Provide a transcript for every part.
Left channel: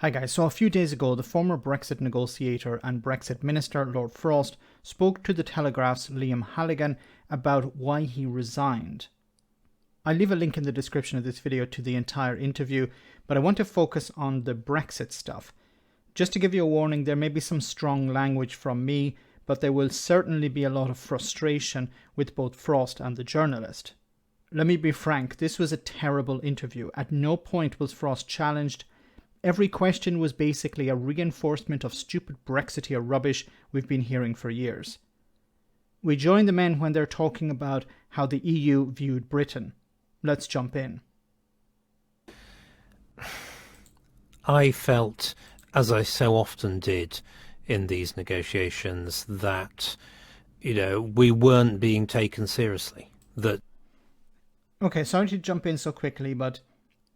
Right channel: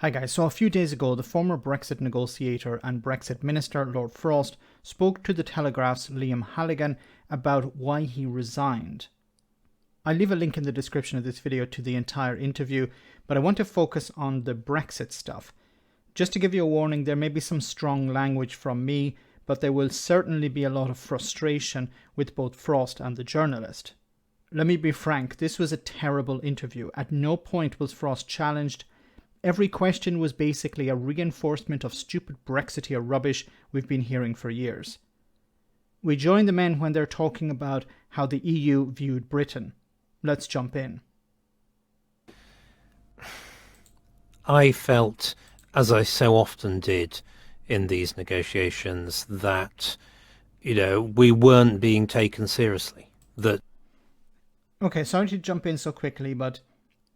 Hi guys, so a few days ago the former Brexit negotiator and Brexit minister Lord Frost spoke to the Telegraph's Liam Halligan about why he resigned. I'll leave a link in the description of this video to the entire interview, but I want to focus on the Brexit stuff. Just to give you a warning, there may be some strong language from me, but there will certainly be a lot of frustration with both Frost and the journalist. Let me be frank, this was a terrible interview. At no point was Frost challenged. Every question was basically a reinforcement of stupid Brexiteer rubbish we've been hearing for years. We join the men when they're talking about how the EU viewed Britain. Let's jump in. I felt, as I so often did in these negotiations, that, we weren't being taken seriously. Okay, sorry to jump in so quickly, but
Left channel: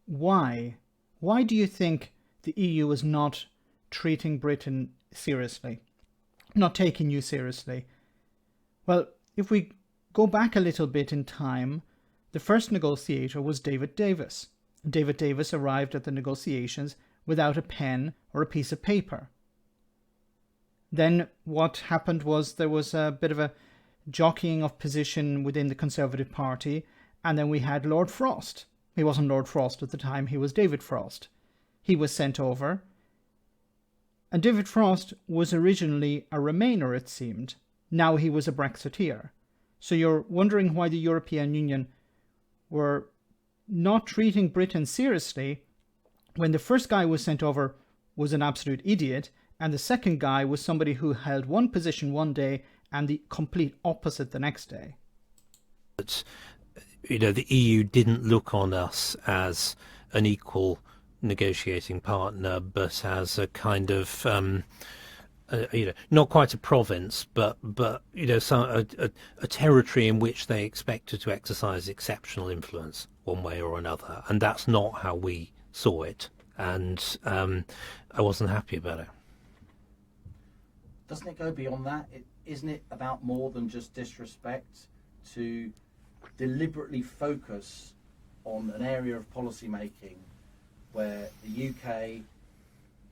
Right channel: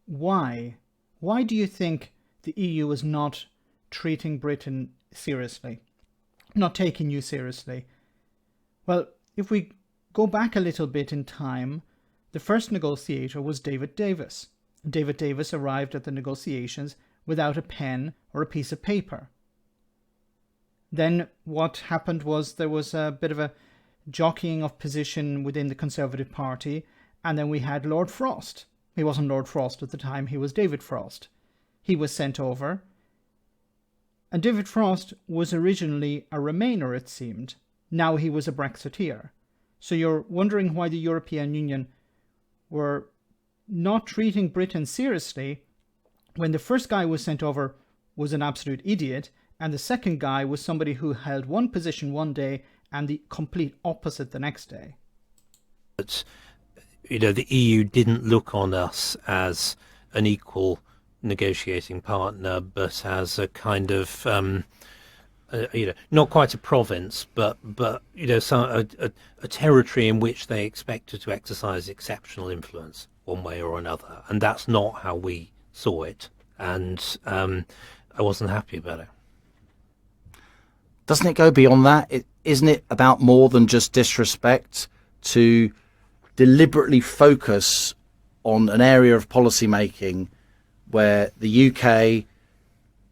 why? Why do you think the EU is not treating Britain seriously? Not taking you seriously? Well, if we go back a little bit in time, the first negotiator was David Davis. David Davis arrived at the negotiations without a pen or a piece of paper. Then what happened was there was a bit of a jockeying of position within the Conservative Party, and then we had Lord Frost. He wasn't Lord Frost at the time, he was David Frost. He was sent over. And David Frost was originally a Remainer, it seemed. Now he was a Brexiteer. So you're wondering why the European Union were not treating Britain seriously when the first guy who was sent over was an absolute idiot, and the second guy was somebody who held one position one day and the complete opposite the next day. The EU didn't look on us as an equal negotiating partner, but as a kind of not quite a province, but a territory in which they expected to exercise exceptional influence one way or another, and that's not how we saw it, and I wasn't happy about it. Doesn't it go beyond that? Isn't it about more than just disrespect to deliberately focus on an area of policy making where the UK,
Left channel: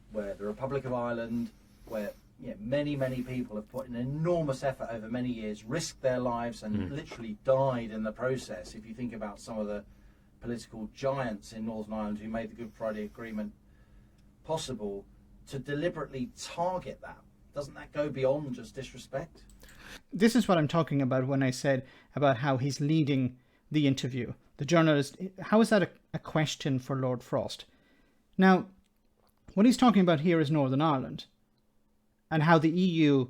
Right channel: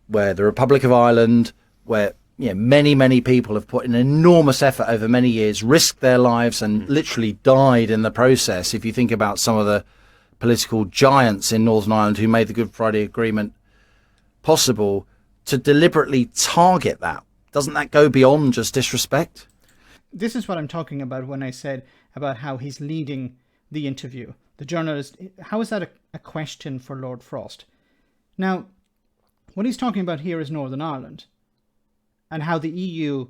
where the Republic of Ireland, where many people have put in enormous effort over many years, risked their lives and literally died in the process. If you think about some of the political giants in Northern Ireland who made the Good Friday Agreement possible, to deliberately target that, doesn't that go beyond just disrespect? This is what I'm talking about when I said about how he's leading the interview. The journalist, how is that a question for Lord Frost? Now, what he's talking about here is Northern Ireland and how the EU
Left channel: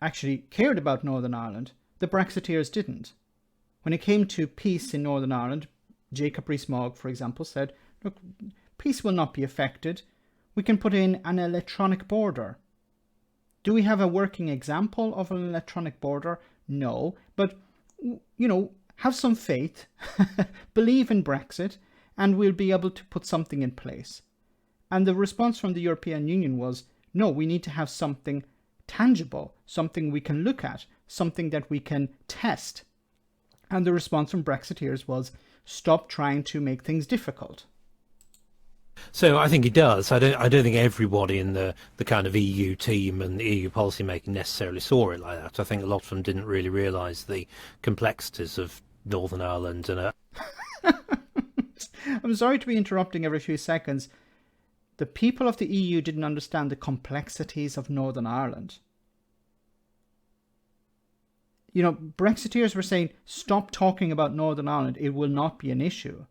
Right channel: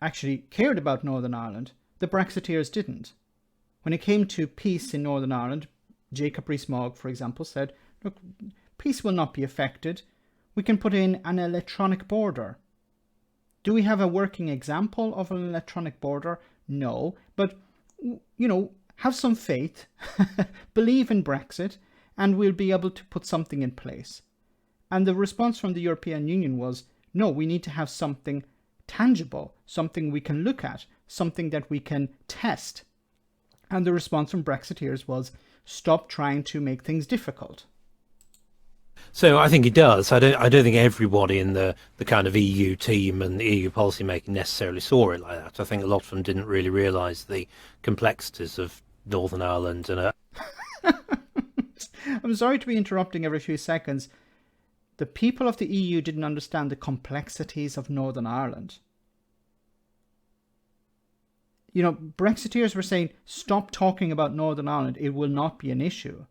actually cared about Northern Ireland. The Brexiteers didn't. When it came to peace in Northern Ireland, Jacob Rees-Mogg, for example, said, look, peace will not be affected. We can put in an electronic border. Do we have a working example of an electronic border? No, but, have some faith, believe in Brexit, and we'll be able to put something in place. And the response from the European Union was, no, we need to have something tangible, something we can look at, something that we can test. And the response from Brexiteers was, stop trying to make things difficult. So I think it does. I don't think everybody in the kind of EU team and the EU policy making necessarily saw it like that. I think a lot of them didn't really realise the complexities of Northern Ireland and I'm sorry to be interrupting every few seconds. The people of the EU didn't understand the complexities of Northern Ireland. Brexiteers were saying, stop talking about Northern Ireland, it will not be an issue.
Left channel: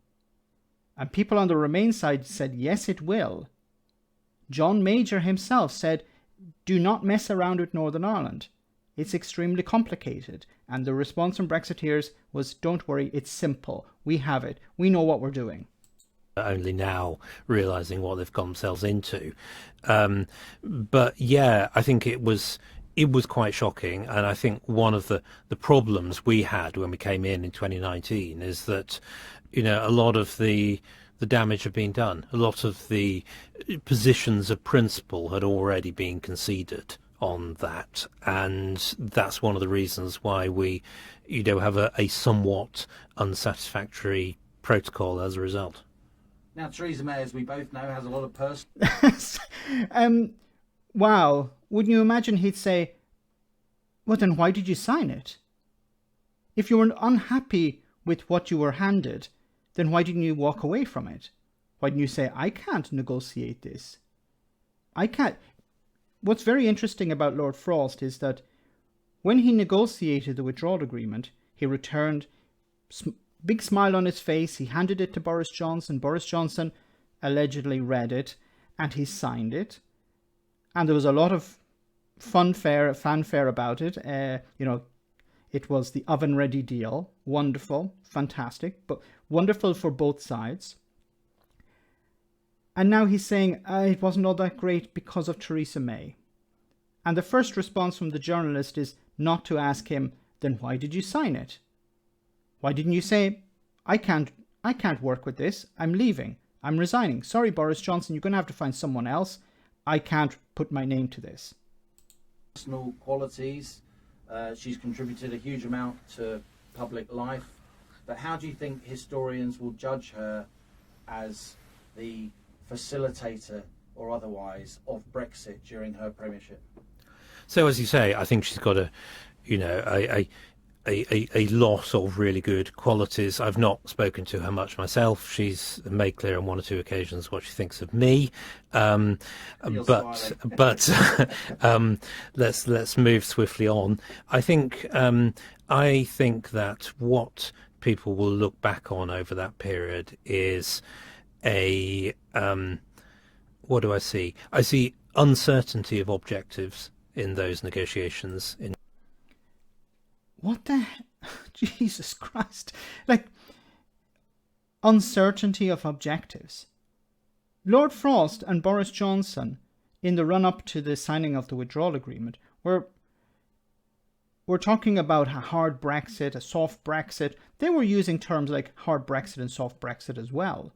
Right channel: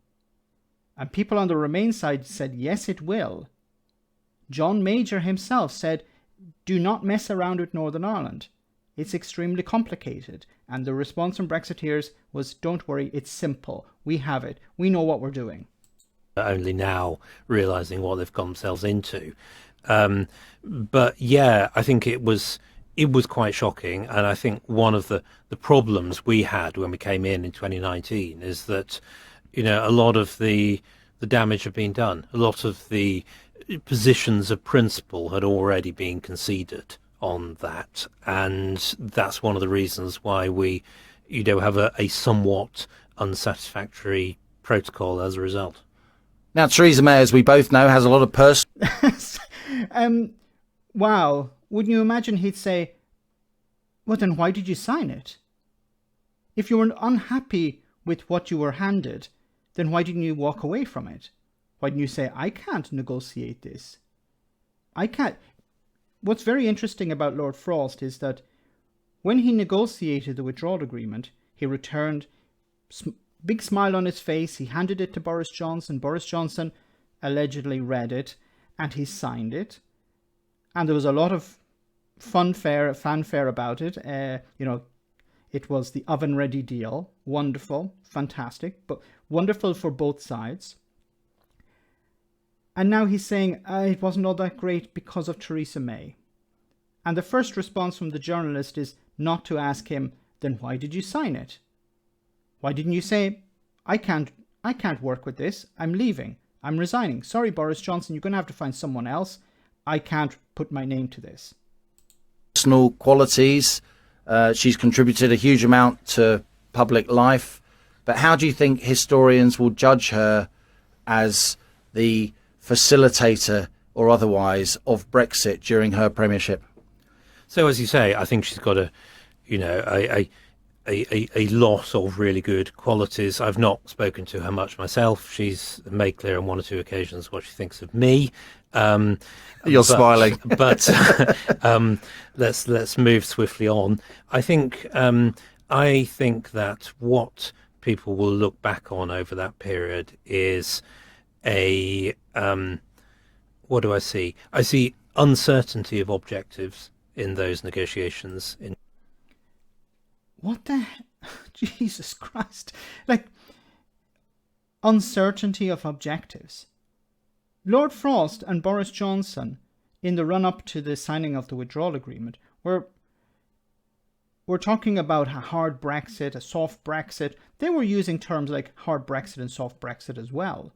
And people on the Remain side said, yes, it will. John Major himself said, do not mess around with Northern Ireland. It's extremely complicated. And the response from Brexiteers was, don't worry, it's simple. We have it. We know what we're doing. Only now realising what they've got themselves into. But yeah, I think it was quite shocking. And I think one of the problems we had when we came in 2019 is that a lot of the damage had been done. A lot of the positions of principle had already been conceded on that, and that's one of the reasons why we, have a somewhat unsatisfactory protocol as a result. Now, Theresa May, as we both know, has a lot of personal... Wow. Wouldn't you imagine he'd say, well, then why did you sign it? If you were unhappy with what you were handed, then why didn't you walk away from it? Why didn't you say, I can't negotiate this? I can't. What's very interesting about Lord Frost is that when he negotiated the withdrawal agreement, he returned, big smile on his face, he handed it to Boris Johnson. Boris Johnson allegedly read it, and he signed it. And there was a lot of fanfare about it. It was the oven-ready deal. Wonderful, fantastic, but wonderful for both sides. And now he's saying it wasn't all that great because of Theresa May. And the first response from the journalist is not to ask him, then why did you sign it? Why didn't you say, I can't work with this, I'm leaving, I'm resigning. Sorry, Boris Johnson, you're going to have to find someone else. I can't put my name to this. Personal qualities. She's contributed a huge amount to public life. But how do you think historians will judge her as the facilitator or otherwise of Brexit during her premiership? So, as you say, I think she's got a lot of really good qualities. I've not spoken to her much myself. She's made clear on one or two occasions what she thinks of me. You're smiling. But let's move swiftly on. I think that what people will look back on over that period is what do I see? I see uncertainty of objectives in those negotiations. What the Jesus Christ? Like, uncertainty of objectives. Lord Frost and Boris Johnson, in the run-up to the signing of the withdrawal agreement, were talking about a hard Brexit, a soft Brexit. They were using terms like hard Brexit and soft Brexit as well.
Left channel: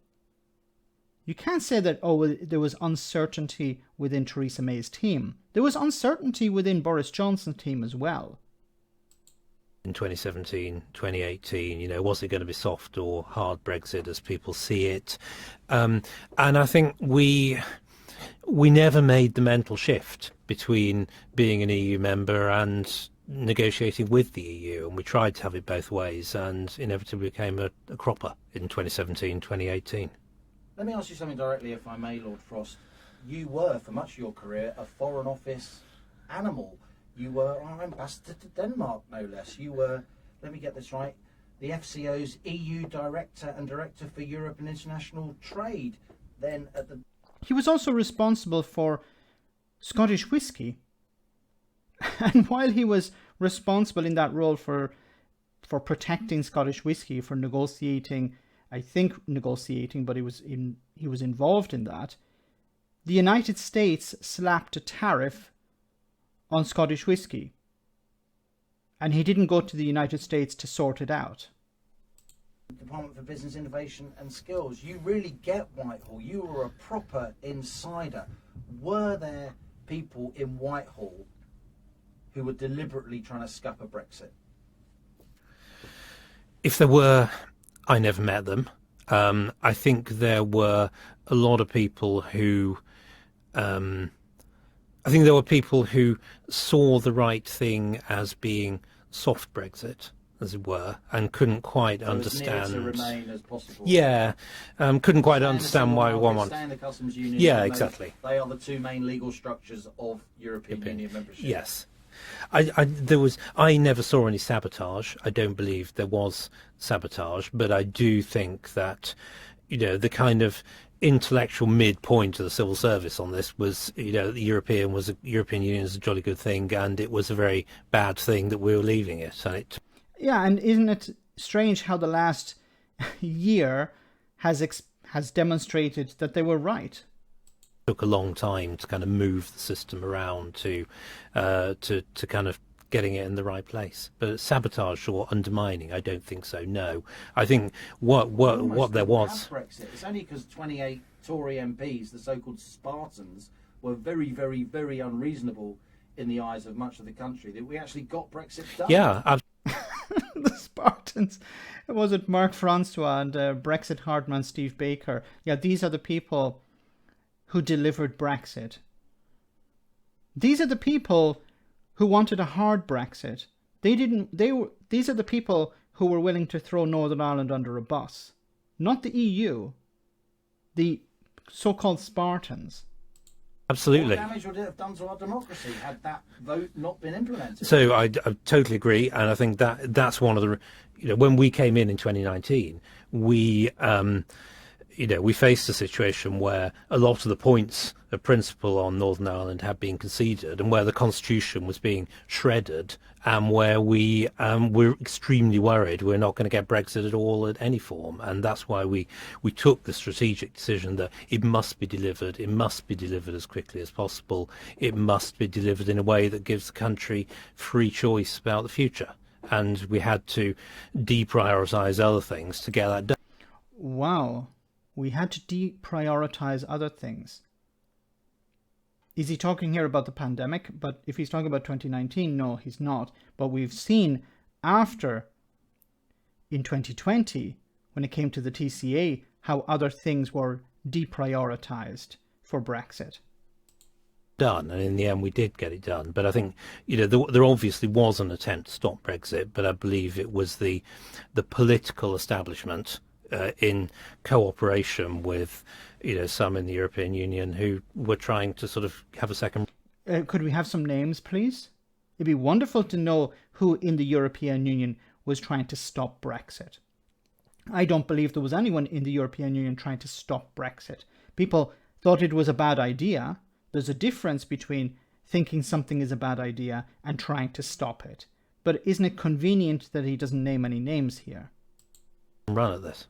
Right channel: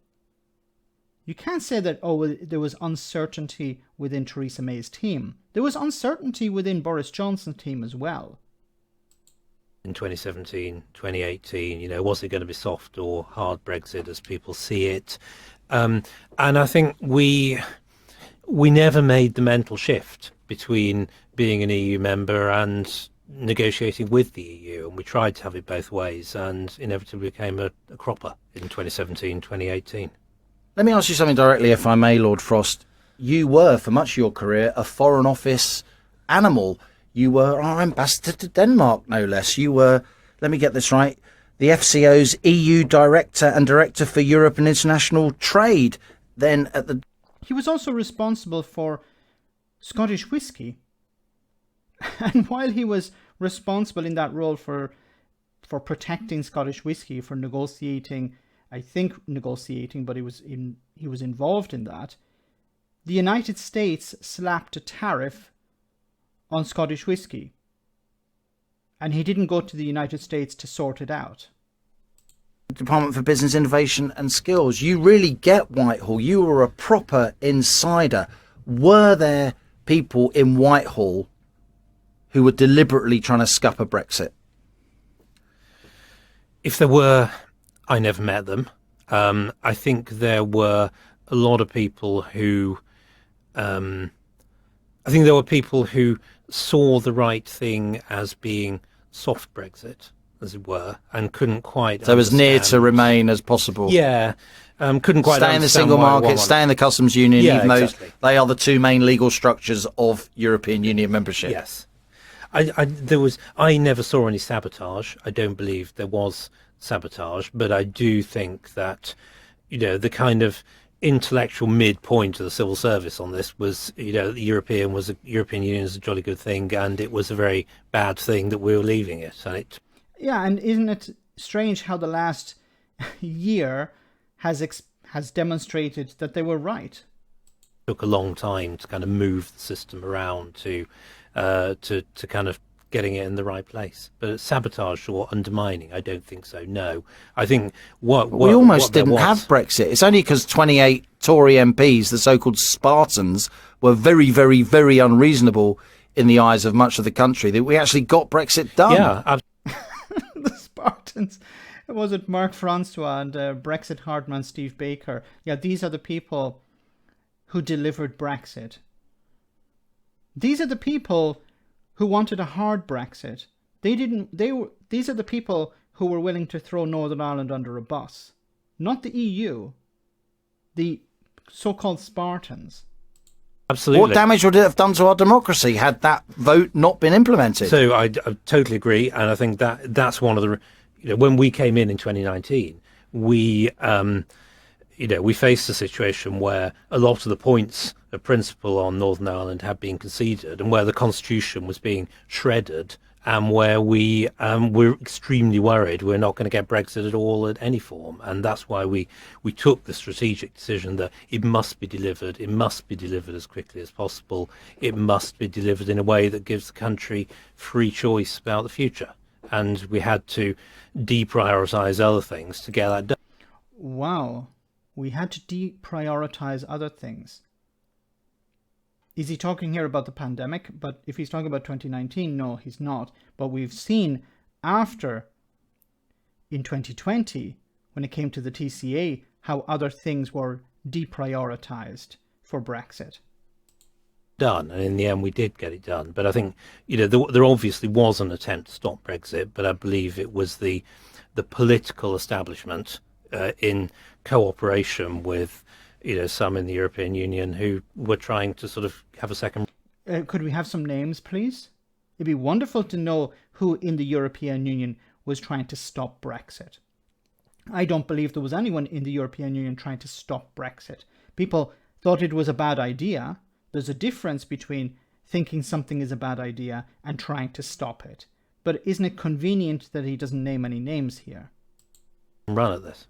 You can't say that, there was uncertainty within Theresa May's team. There was uncertainty within Boris Johnson's team as well. In 2017, 2018, was it going to be soft or hard Brexit as people see it? And I think we never made the mental shift between being an EU member and negotiating with the EU, and we tried to have it both ways, and inevitably became a cropper in 2017, 2018. Let me ask you something directly, if I may, Lord Frost. You were, for much of your career, a Foreign Office animal. You were our ambassador to Denmark, no less. You were, let me get this right, the FCO's EU Director and Director for Europe and International Trade. Then at the... He was also responsible for Scottish whisky. And while he was responsible in that role for protecting Scottish whisky, for negotiating, but he was involved in that, the United States slapped a tariff on Scottish whisky, and he didn't go to the United States to sort it out. Department for Business Innovation and Skills. You really get Whitehall. You were a proper insider. Were there people in Whitehall who were deliberately trying to scupper Brexit? If there were, I never met them. I think there were a lot of people who saw the right thing as being soft Brexit, as it were, and couldn't quite So as near to remain as possible. Yeah. Couldn't quite stay in the single market, stay in the customs union, even though they are the two main legal structures of European Union membership. Yes. I never saw any sabotage. I don't believe there was sabotage, but I do think that, the kind of intellectual midpoint of the civil service on this was, the European Union is a jolly good thing, and it was a very bad thing that we were leaving it. And isn't it strange how the last year has demonstrated that they were right? It took a long time to kind of move the system around to kind of getting it in the right place. But sabotage or undermining, I don't think so. No, I think we almost didn't have Brexit. It's only because 28 Tory MPs, the so-called Spartans, were very, very, very unreasonable in the eyes of much of the country that we actually got Brexit done. Yeah, the Spartans. Was it Mark Francois and Brexit hardman Steve Baker? Yeah, these are the people who delivered Brexit. These are the people who wanted a hard Brexit. These are the people who were willing to throw Northern Ireland under a bus. Not the EU. The so-called Spartans. Absolutely. What damage would it have done to our democracy had that vote not been implemented? So I totally agree, and I think that's one of the, when we came in 2019, we we faced a situation where a lot of the points of principle on Northern Ireland had been conceded, and where the constitution was being shredded, and where we were extremely worried we're not going to get Brexit at all at any form. And that's why we took the strategic decision that it must be delivered as quickly as possible. It must be delivered in a way that gives the country free choice about the future. And we had to deprioritise other things to get that done. Wow. We had to deprioritise other things. Is he talking here about the pandemic? But if he's talking about 2019, no, he's not. But we've seen after, in 2020, when it came to the TCA, how other things were deprioritized for Brexit. Done, and in the end we did get it done. But I think there obviously was an attempt to stop Brexit, but I believe it was the political establishment in cooperation with some in the European Union who were trying to sort of have a second. Could we have some names, please? It'd be wonderful to know who in the European Union was trying to stop Brexit. I don't believe there was anyone in the European Union trying to stop Brexit. People thought it was a bad idea. There's a difference between thinking something is a bad idea and trying to stop it. But isn't it convenient that he doesn't name any names here? Run at this.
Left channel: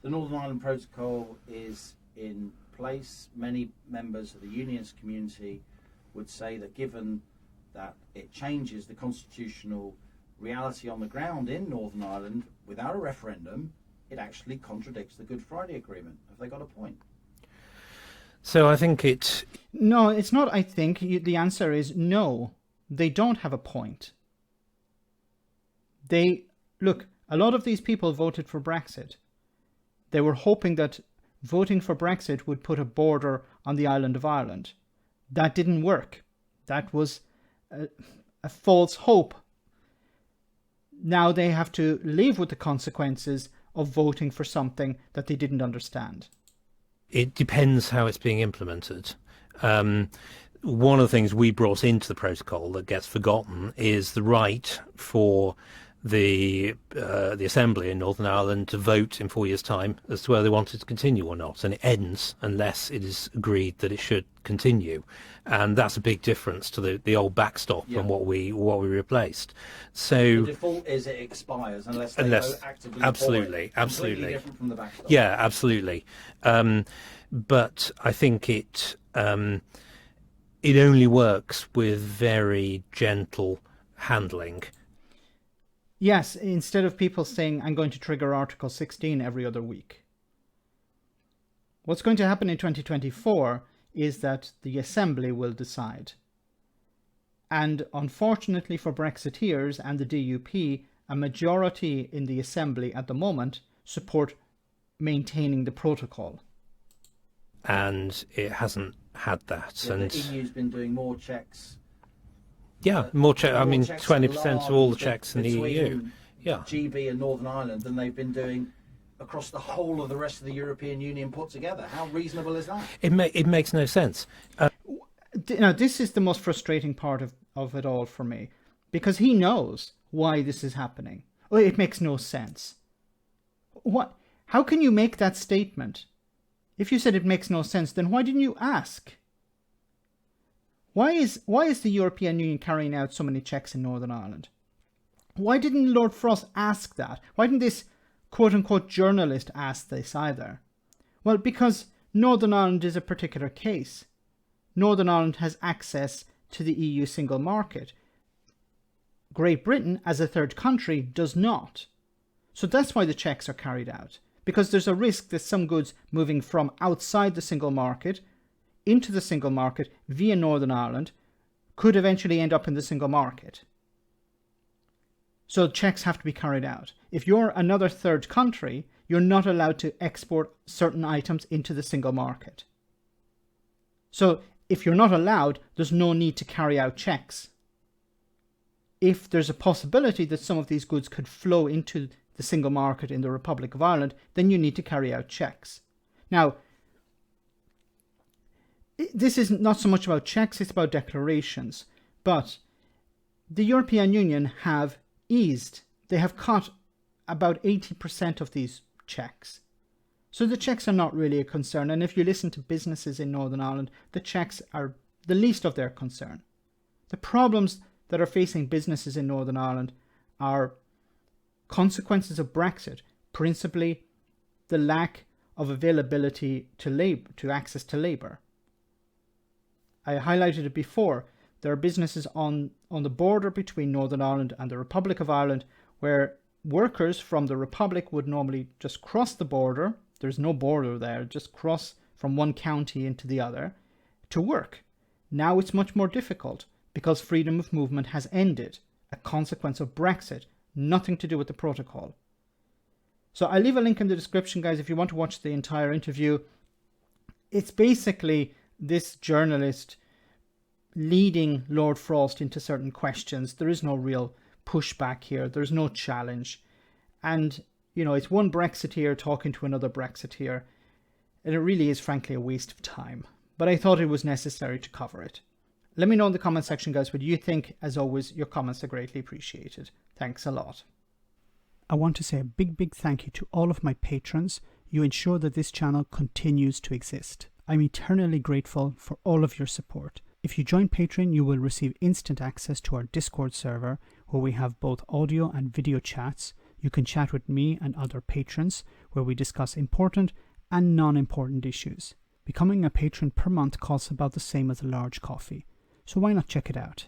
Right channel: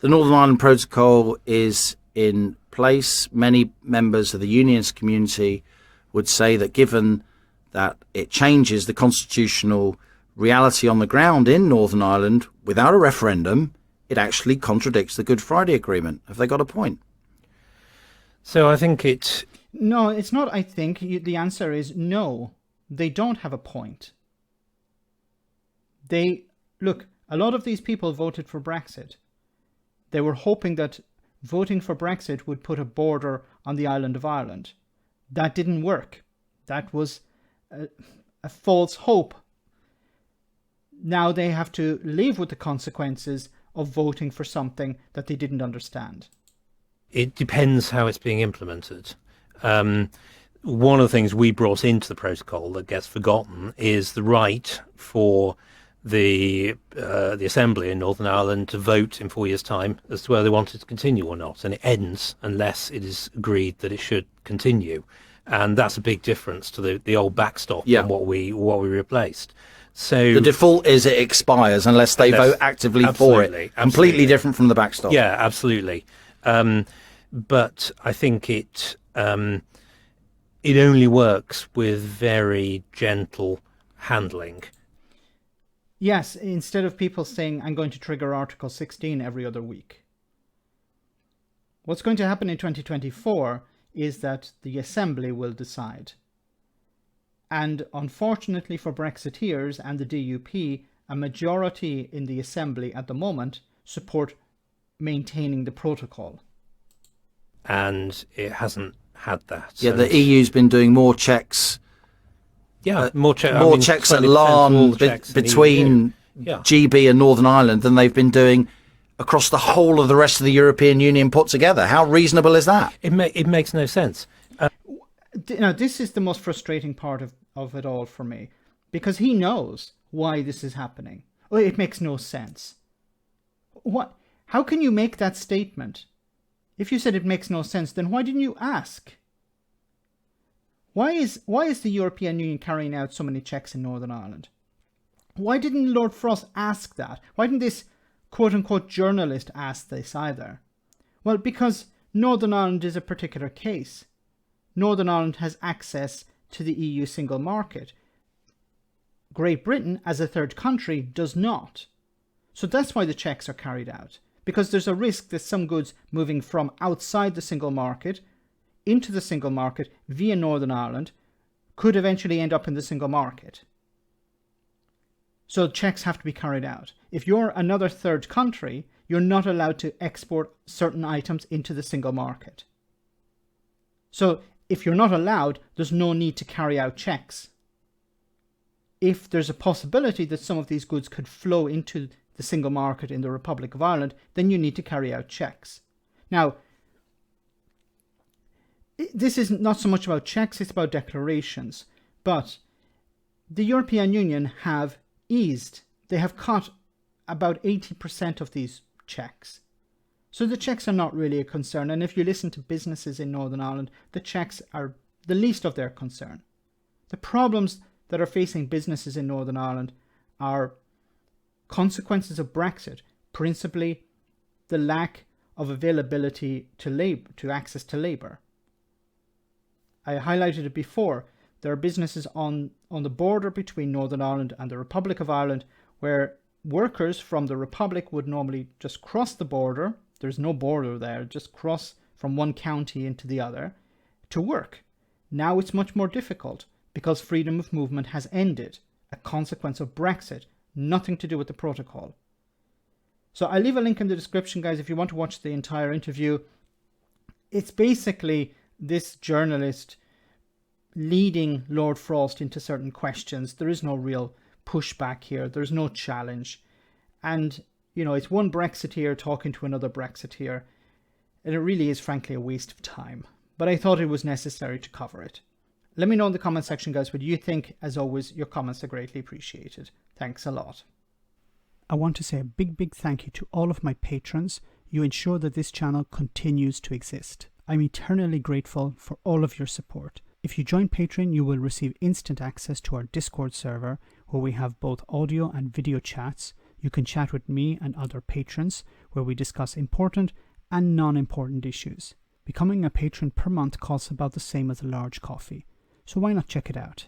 The Northern Ireland Protocol is in place. Many members of the unionist community would say that given that it changes the constitutional reality on the ground in Northern Ireland without a referendum, it actually contradicts the Good Friday Agreement. Have they got a point? So I think it... No, it's not I think. The answer is no. They don't have a point. Look, a lot of these people voted for Brexit. They were hoping that voting for Brexit would put a border on the island of Ireland. That didn't work. That was a false hope. Now they have to live with the consequences of voting for something that they didn't understand. It depends how it's being implemented. One of the things we brought into the protocol that gets forgotten is the right for the Assembly in Northern Ireland to vote in 4 years' time as to whether they want it to continue or not, and it ends unless it is agreed that it should continue, and that's a big difference to the old backstop and what we replaced. So the default is it expires unless they vote actively for it. Completely different from the backstop. Yeah, absolutely. But I think it only works with very gentle handling. Yes, instead of people saying, I'm going to trigger Article 16 every other week. What's going to happen in 2024 is that the Assembly will decide. And unfortunately for Brexiteers and the DUP, a majority in the Assembly at the moment support maintaining the protocol. And it hasn't had that. Yeah, the EU's been doing more checks. Yeah, more checks at Larne between GB and Northern Ireland than they've been doing across the whole of the rest of the European Union put together. How reasonable is that? It makes no sense. Now, this is the most frustrating part of it all for me, because he knows why this is happening. Well, it makes no sense. What? How can you make that statement? If you said it makes no sense, then why didn't you ask? Why is the European Union carrying out so many checks in Northern Ireland? Why didn't Lord Frost ask that? Why didn't this quote-unquote journalist ask this either? Well, because Northern Ireland is a particular case. Northern Ireland has access to the EU single market. Great Britain, as a third country, does not. So that's why the checks are carried out. Because there's a risk that some goods moving from outside the single market into the single market via Northern Ireland could eventually end up in the single market. So checks have to be carried out. If you're another third country, you're not allowed to export certain items into the single market. So if you're not allowed, there's no need to carry out checks. If there's a possibility that some of these goods could flow into the single market in the Republic of Ireland, then you need to carry out checks. Now, this is not so much about checks, it's about declarations. But the European Union have eased, they have cut about 80% of these checks. So the checks are not really a concern. And if you listen to businesses in Northern Ireland, the checks are the least of their concern. The problems that are facing businesses in Northern Ireland are consequences of Brexit, principally the lack of availability to access to labour. I highlighted it before. There are businesses on the border between Northern Ireland and the Republic of Ireland where workers from the Republic would normally just cross the border. There's no border there, just cross from one county into the other to work. Now it's much more difficult because freedom of movement has ended, a consequence of Brexit, nothing to do with the protocol. So I'll leave a link in the description, guys, if you want to watch the entire interview. It's basically this journalist leading Lord Frost into certain questions. There is no real pushback here. There's no challenge. And, you know, it's one Brexiteer talking to another Brexiteer. And it really is, frankly, a waste of time. But I thought it was necessary to cover it. Let me know in the comment section, guys, what you think. As always, your comments are greatly appreciated. Thanks a lot. I want to say a big thank you to all of my patrons. You ensure that this channel continues to exist. I'm eternally grateful for all of your support. If you join Patreon, you will receive instant access to our Discord server, where we have both audio and video chats. You can chat with me and other patrons, where we discuss important and non-important issues. Becoming a patron per month costs about the same as a large coffee, so why not check it out?